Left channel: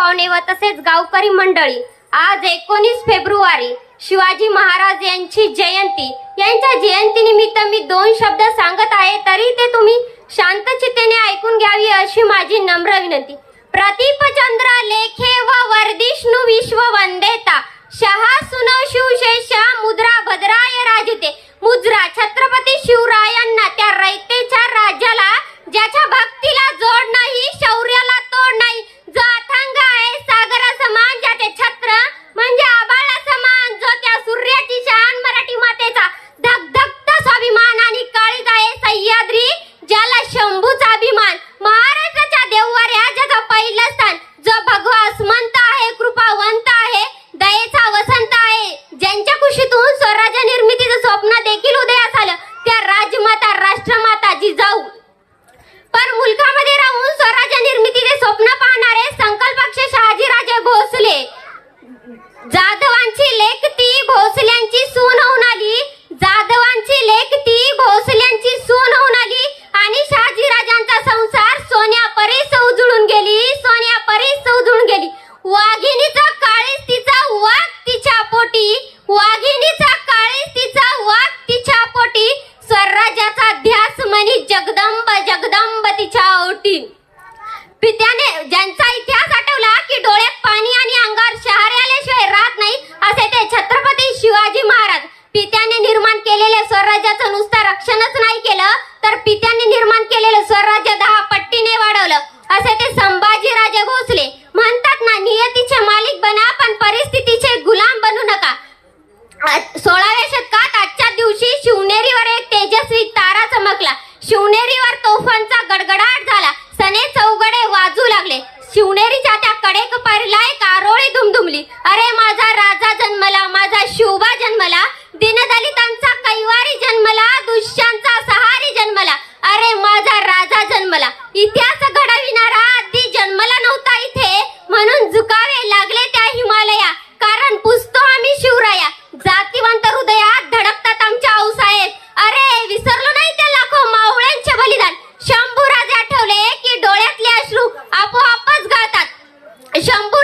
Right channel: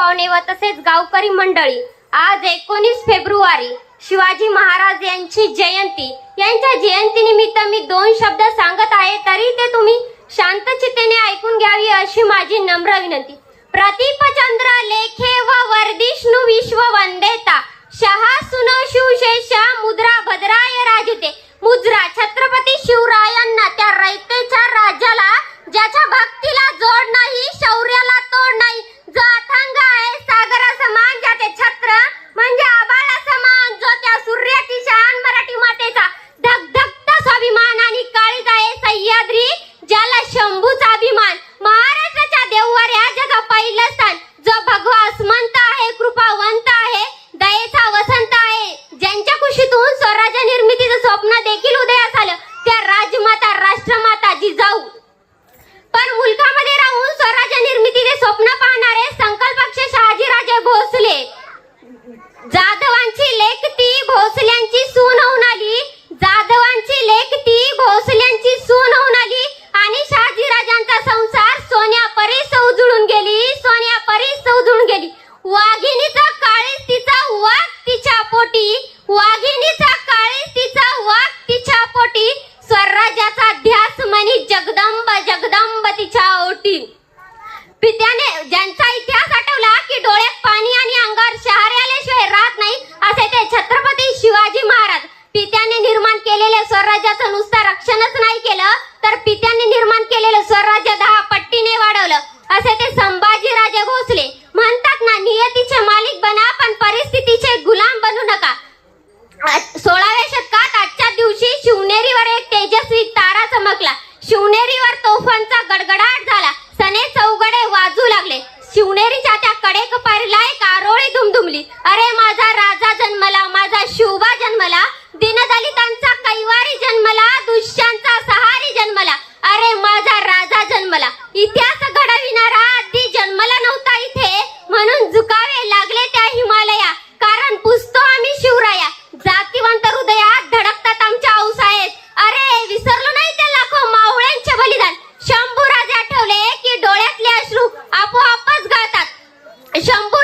पाहुणे व तसेच गावकरी मंडळी, आज 19 फेब्रुवारी शिवाजी महाराज यांची जयंती. यांच्या जयंतीनिमित्त मी 2 शब्द सांगत आहे, तरी ते तुम्ही शांतचित्तेने ऐकून घ्यावी अशी माझी नम्र विनंती. प्रतिपचंद्र लेखे व वर्धिष्णु विश्व वंदेता, शहा सुनो शिवशेषा मुद्रा भद्राय राजते. मुद्रा छत्रपती शिवरायांना, त्या रयतेच्या राजाला ज्याच्या भक्तीला जोड नाही, शौर्याला तोड नाही, जो अथांग आहे सागर समान, ज्याचे छत्र म्हणजे आबाळा समान, जो त्या सूर्याची शान मराठी मातेचा धगधगता स्वाभिमान आणि काळीज आहे सह्याद्री, ज्याला शंभूचा अभिमान. महाराष्ट्राच्या देववाऱ्या ज्याचं पहिलं स्थान, जो भगवा अस्मंत आहे, कृपावंत आहे, दयेचा वसंत आहे, ज्यांच्या कुशीतून स्वराज्य निर्मितीचं स्वप्न देखील उदयास आलं, त्या राजमाता राष्ट्रमाता जिजाऊ. पण मुलखामध्ये राहून स्वराज्य निर्मितीचे स्वप्न पाहणारे संकल्पक्ष शहाजीराजे भोसले, जाधवांची लेक ती भोसल्यांची सून होऊन आली, जाधवांची लेक ती भोसल्यांची सून होऊन आली आणि शहाजीराजांचा संसार सोन्यापरीस उजळून गेली, सोन्यापरीस उजळून गेली. वाघिणीचा काळीज तिचा वाघ तिच्या पोटी, वाघिणीचा काळीज तिचा वाघ तिच्या पोटी, स्वराज्याचा ध्यास म्हणी जगदंब जगदंब तिच्या ओटी. पित्याने ज्यांचा इतिहास आठवला की डोळ्यात पाणी आणि अंगावर शहारे आल्याशिवाय राहत नाही, असे ते छत्रपती शिवाजी महाराज. पित्याने निर्माण केलेल्या स्वराज्याचं नुसतं रक्षणच नाही केलं, तर पित्याने निर्माण केलेलं स्वराज्य 10 पट्टीने वाढवलं, असे ते संभाजीराजे भोसले. म्हणतात ना, नियतीचे मालिक बना पण परिस्थितीचे गुलाम बनू नका. 16व्या शतकात आजच्या दिवशी शिवनेरीवर एक तेजस्वी तारा चमकला. शिवनेरीवर तोफांचा गडगडाट झाला, सने चौघडे वाजू लागले. शिवनेरीच्या त्या कडेकपारीला एक आरोळी दुमदुमली. अरे माझा राजा जन्मला, माझा शिवबा जन्मला, दीनदलितांचा कैवारी जन्मला, दुष्यांचा सहारी जन्मला, अरे माझा राजा जन्मला. इतिहास घडविणारा आधी जन्मला नव्हता इथे, म्हणून झुकावे लागले त्या हिमालया, कारण पुजतो आम्ही शिवराया. जातीवंत हृदयात धडकतात आमच्या औसायेत, अरे विसरलो नाही ते लाखो मावळ्यांचे बलिदान. शंभूराजे आठवले की डोळ्यातले अश्रू आपोआपच गळतात. शंभू